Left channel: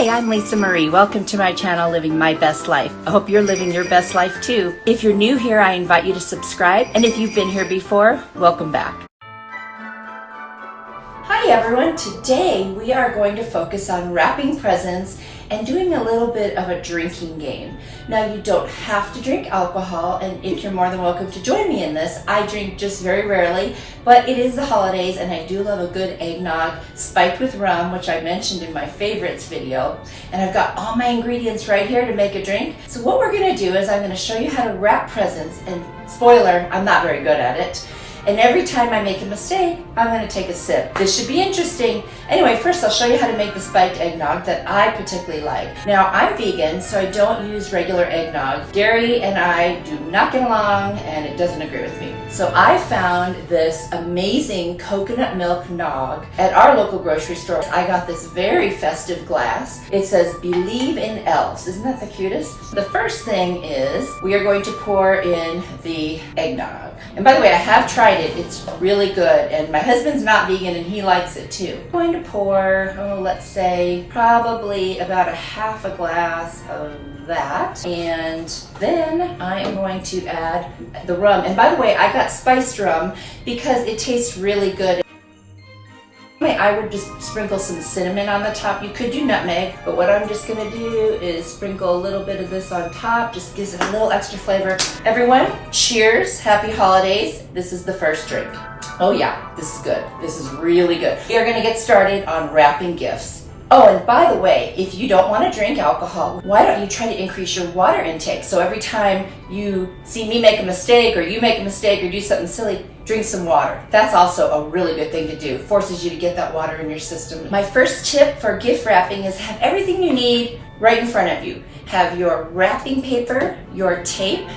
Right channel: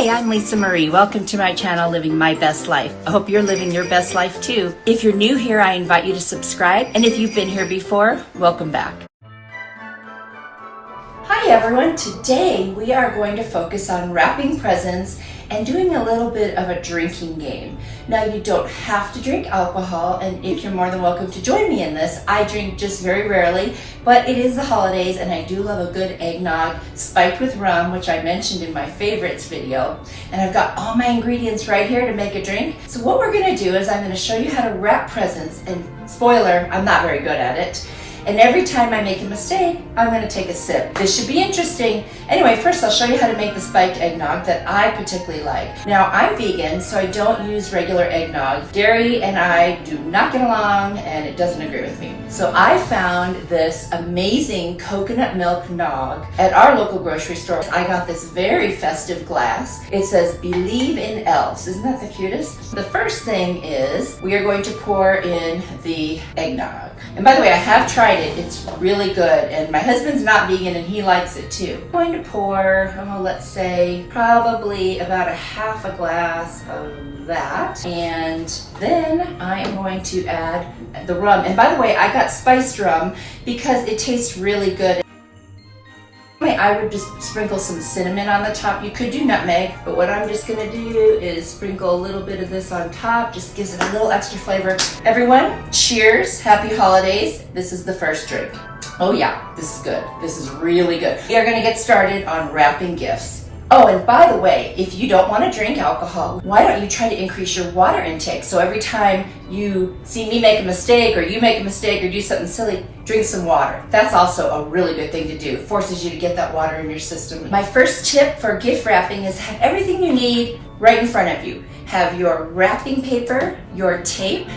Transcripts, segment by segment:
Hi, I'm Lisa Marie. Welcome to my channel, Living My Best Life. I hope you're living your best life too. If you're new here, I invite you to subscribe. And if you've been here before, welcome back. Hi everyone. Today we are going to focus on wrapping presents and doing a little bit of a drinking game. Now you don't have to drink alcohol, and if you're more than welcome to join me in this. I drink just very rarely, but it is the holidays and I do love a good eggnog spiked with rum, which I mentioned in my favorites video. And I've got all my ingredients right here to make a drink. So what we're gonna do is I'm gonna show you how to wrap presents, and spoiler, I'm not very good at it. And every time I make a mistake, I'm going to take a sip. This should be interesting. Anyway, first I'll show you how to make the spiked eggnog that I particularly like. Now, I'm vegan, so I don't use regular eggnog. Dairy and I do not get along, and it doesn't agree with me. So I found this amazing coconut milk nog at our local grocery store. I got this very festive glass. It says, "Believe in elves." Isn't that the cutest? The first thing is we are going to pour in the eggnog. And by the way, I have tried it. It's really good. And my husband's not vegan and he likes it too. I'm going to pour, let's say, probably about a half a glass of that. And then I am going to add the rum. And by the way, I got spiced rum because it tastes really good. I would just sprinkle some cinnamon on the top. You could do nutmeg, but what I'm just gonna do is sprinkle a little bit of this on top. Just gives it a little extra flavor. Everyone, cheers, happy holidays. This is the first drink. Oh yeah, this is good. This is really good. We are gonna get started on wrapping gifts. Oh, and by the way, if you don't want to drink alcohol, why don't you try to increase your water intake? So every time you see me make a mistake, or you make a mistake, or do something silly, drink some water. That's also a really good thing to do. It forces you to get that water in your system. My first tip for gift wrapping is have everything you need right in front of you. Have your wrapping paper, your tape,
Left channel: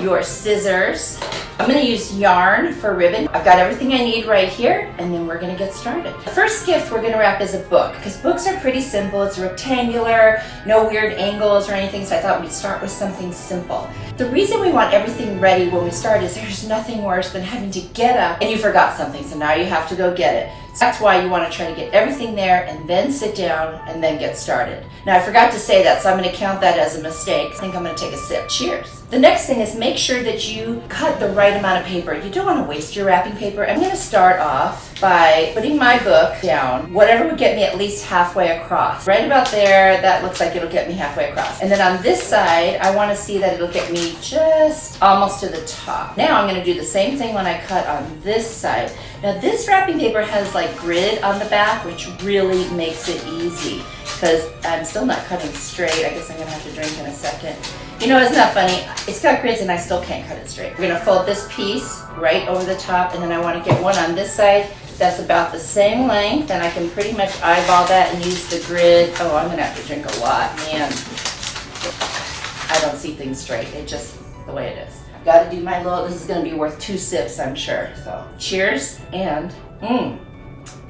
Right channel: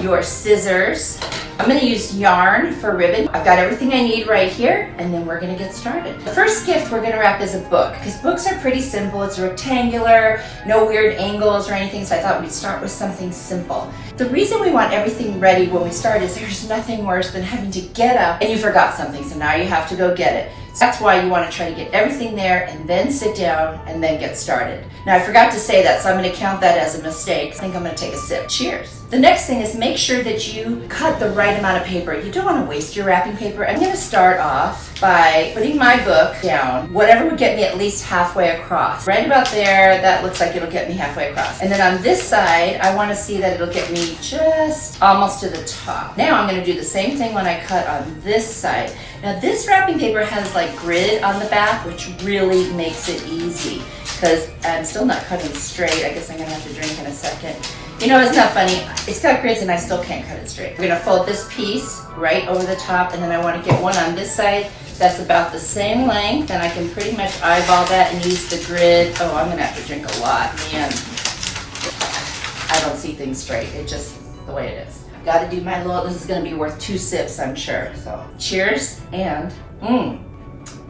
your scissors. I'm going to use yarn for ribbon. I've got everything I need right here, and then we're going to get started. The first gift we're going to wrap is a book, because books are pretty simple. It's rectangular, no weird angles or anything, so I thought we'd start with something simple. The reason we want everything ready when we start is there's nothing worse than having to get up and you forgot something, so now you have to go get it. So that's why you want to try to get everything there and then sit down and then get started. Now I forgot to say that, so I'm going to count that as a mistake. I think I'm going to take a sip. Cheers. The next thing is make sure that you cut the right amount of paper. You don't want to waste your wrapping paper. I'm going to start off by putting my book down, whatever would get me at least halfway across. Right about there, that looks like it'll get me halfway across. And then on this side, I want to see that it'll get me just almost to the top. Now I'm going to do the same thing when I cut on this side. Now this wrapping paper has like grid on the back, which really makes it easy, because I'm still not cutting straight. I guess I'm going to have to drink in a second. You know, isn't that funny? It's got grids and I still can't cut it straight. We're going to fold this piece right over the top, and then I want to get one on this side that's about the same length, and I can pretty much eyeball that and use the grid. Oh, I'm going to have to drink a lot, man. I don't see things straight. It's just the way it is. I've got to do my little, this is going to be worth 2 sips, I'm sure. So cheers, and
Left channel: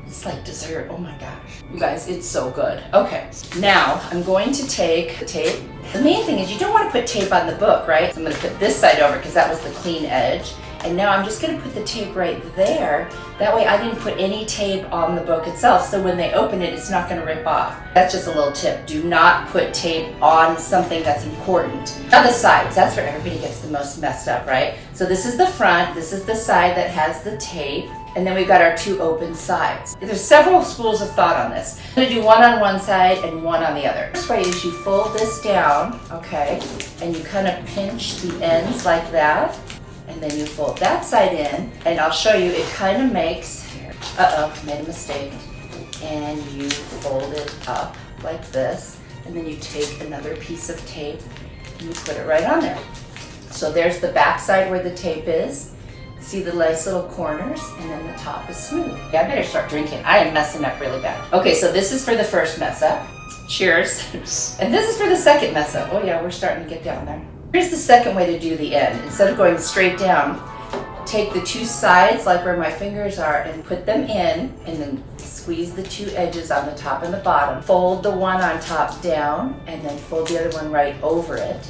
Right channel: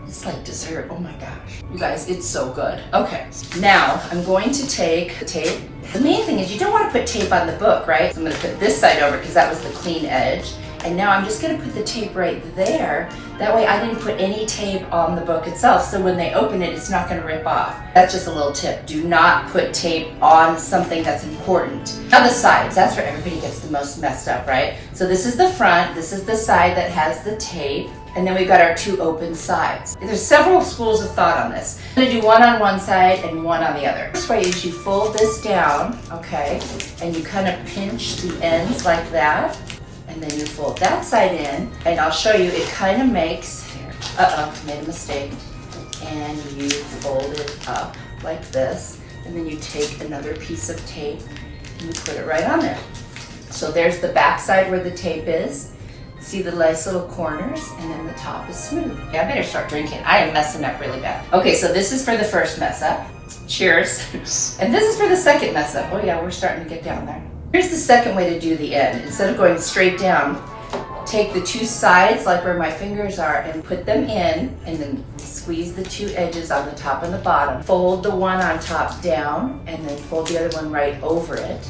it's like dessert. Oh my gosh. You guys, it's so good. Okay, now I'm going to take the tape. The main thing is you don't want to put tape on the book, right? So I'm going to put this side over because that was the clean edge. And now I'm just going to put the tape right there. That way I didn't put any tape on the book itself, so when they open it, it's not going to rip off. That's just a little tip. Do not put tape on something that's important. Now the sides, that's where everybody gets the most messed up, right? So this is the front, this is the side that has the tape, and then we've got our 2 open sides. There's several schools of thought on this. I'm going to do one on one side and one on the other. First way is you fold this down, okay, and you kind of pinch the ends like that, and then you fold that side in, and I'll show you, it kind of makes, made a mistake, and you fold it up like this, and then you take another piece of tape and you put it right on there. So there's the back side where the tape is. See the nice little corners, and then the top is smooth. Yeah, I better start drinking. I am messing up really bad. Okay, so this is for the first mess up. Cheers. And this is for the second mess up. Oh yeah, we're starting to get down there. Here's the second way to do the end. Instead of going straight down, take the 2 sides, like where my fingers are, and put them in, and then squeeze the 2 edges on the top and the bottom. Fold the one on top down, and then fold the other one right over it.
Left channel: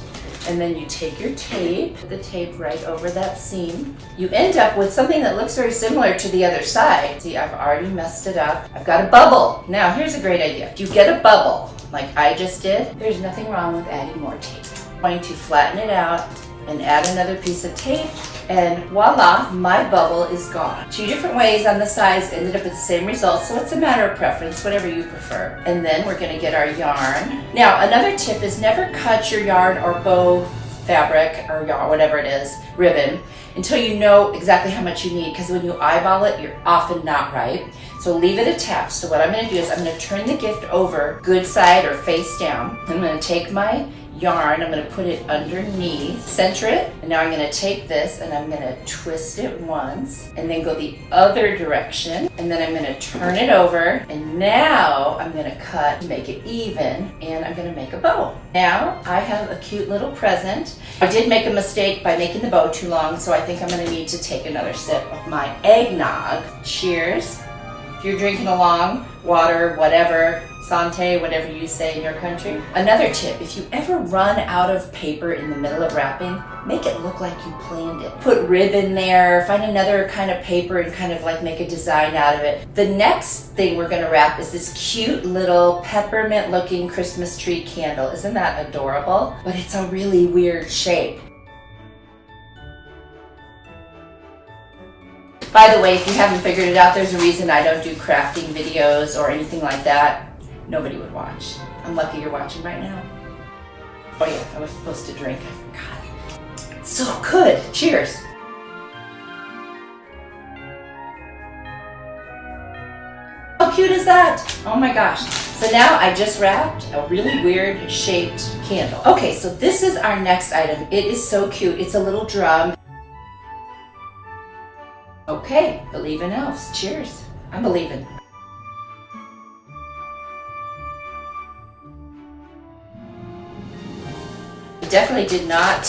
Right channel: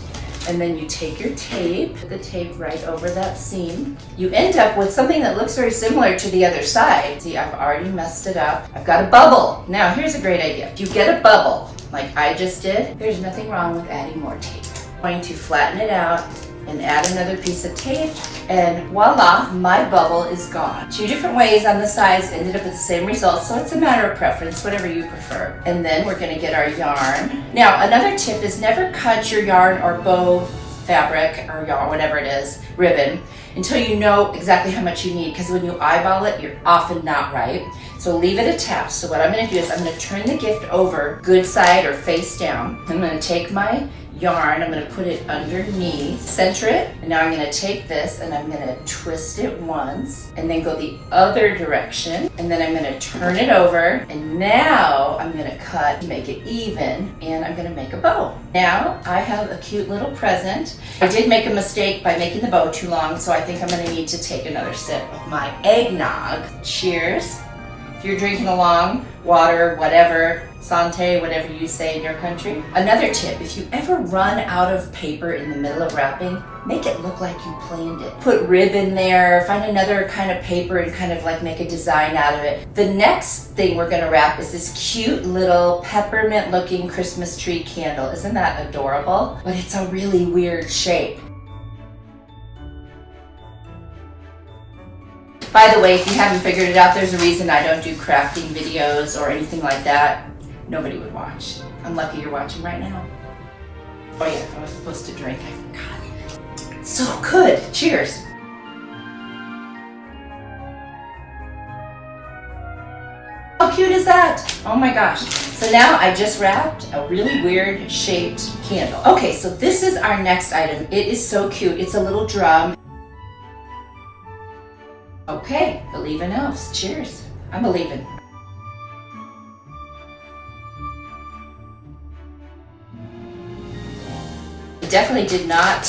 And then you take your tape, put the tape right over that seam. You end up with something that looks very similar to the other side. See, I've already messed it up. I've got a bubble. Now, here's a great idea. If you get a bubble, like I just did, there's nothing wrong with adding more tape. I'm going to flatten it out and add another piece of tape, and voila, my bubble is gone. 2 different ways on the sides ended up with the same result, so it's a matter of preference, whatever you prefer. And then we're gonna get our yarn. Now, another tip is never cut your yarn or bow fabric or yarn, whatever it is, ribbon, until you know exactly how much you need, because when you eyeball it, you're often not right. So leave it attached. So what I'm gonna do is I'm gonna turn the gift over, good side or face down. I'm gonna take my yarn, I'm going to put it underneath, center it, and now I'm going to take this and I'm going to twist it once and then go the other direction, and then I'm going to turn it over, and now I'm going to cut, make it even, and I'm going to make a bow. Now I have a cute little present. I did make a mistake by making the bow too long, so I think I'm going to need to take another sip of my eggnog. Cheers. If you're drinking along, water, whatever, Santé, whatever you say in your country. Another tip, if you ever run out of paper in the middle of wrapping, make it look like you planned it. Put ribbon there, find another kind of paper and kind of like make a design out of it. The next thing we're gonna wrap is this cute little peppermint looking Christmas tree candle. Isn't that adorable? But it's a really weird shape. By the way, if you haven't figured it out, there's a reason I don't do crafting videos or anything like that. Nobody would watch. I'm lucky you're watching right now. Oh yeah, I was supposed to drink. I forgot. So good. Cheers. How cute is that? Oh my gosh. So now I just wrapped a really weird shaped candle. Okay, so this is our next item. It is so cute. It's a little drum. Okay, believe in elves. Cheers. I'm believing. I definitely did not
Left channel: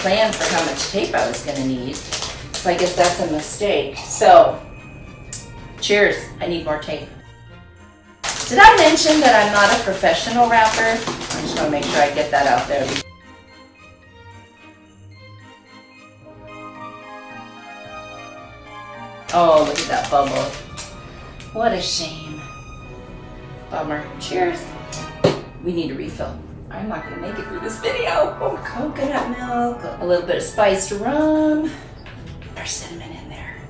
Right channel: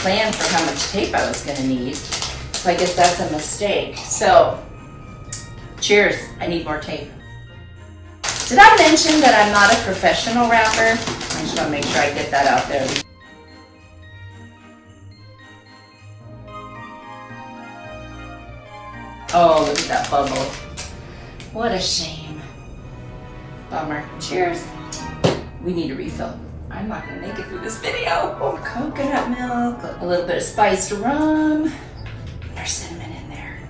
plan for how much tape I was going to need, so I guess that's a mistake. So, cheers. I need more tape. Did I mention that I'm not a professional rapper? I just want to make sure I get that out there. Oh, look at that bubble. What a shame. Bummer. Cheers. We need a refill. I'm not going to make it through this video. Oh, coconut milk, a little bit of spiced rum. There's cinnamon in there.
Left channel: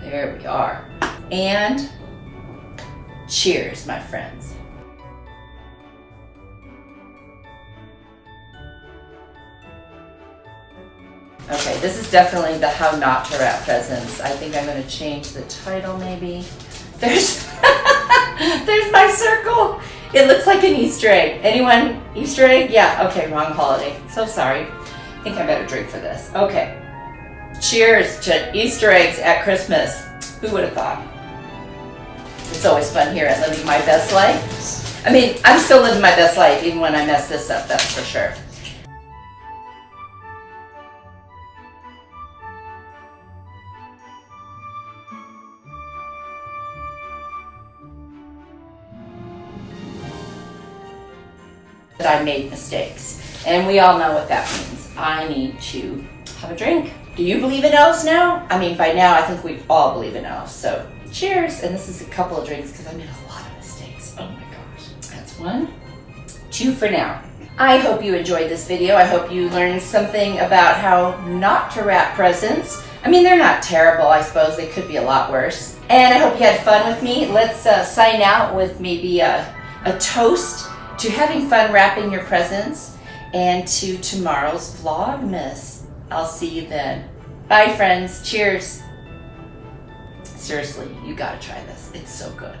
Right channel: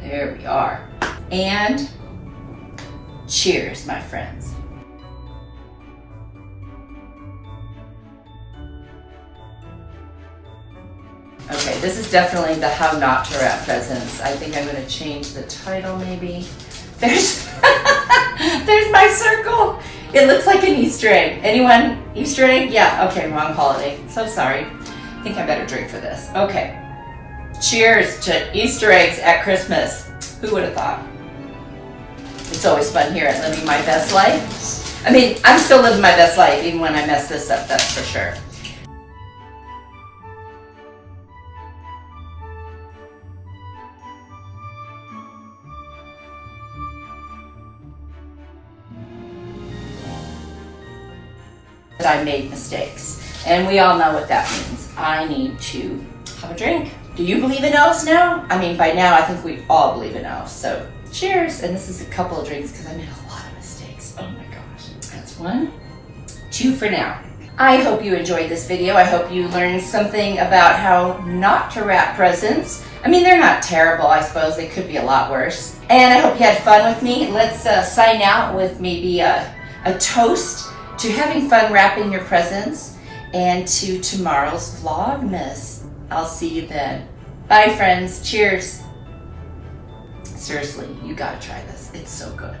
There we are. And cheers, my friends. Okay, this is definitely the how not to wrap presents. I think I'm going to change the title maybe. There's there's my circle. It looks like an Easter egg. Anyone Easter egg? Yeah, okay, wrong holiday. So sorry. I think I better drink for this. Okay. Cheers to Easter eggs at Christmas. Who would have thought? It's always fun here at Living My Best Life. I mean, I'm still living my best life even when I mess this up, that's for sure. I made mistakes, and we all know what that means. I need to have a drink. Do you believe in elves now? I mean, by now I think we all believe in elves, so cheers. And this is a couple of drinks because I made a lot of mistakes. Oh my gosh. That's 1, 2 for now. I hope you enjoyed this video. I hope you learned something about how not to wrap presents. I mean, they're not terrible, I suppose. They could be a lot worse. And I hope you had fun with me. Let's sign out with maybe a toast to having fun wrapping your presents and to tomorrow's Vlogmas. I'll see you then. Bye, friends. Cheers. Seriously, you gotta try this. It's so good.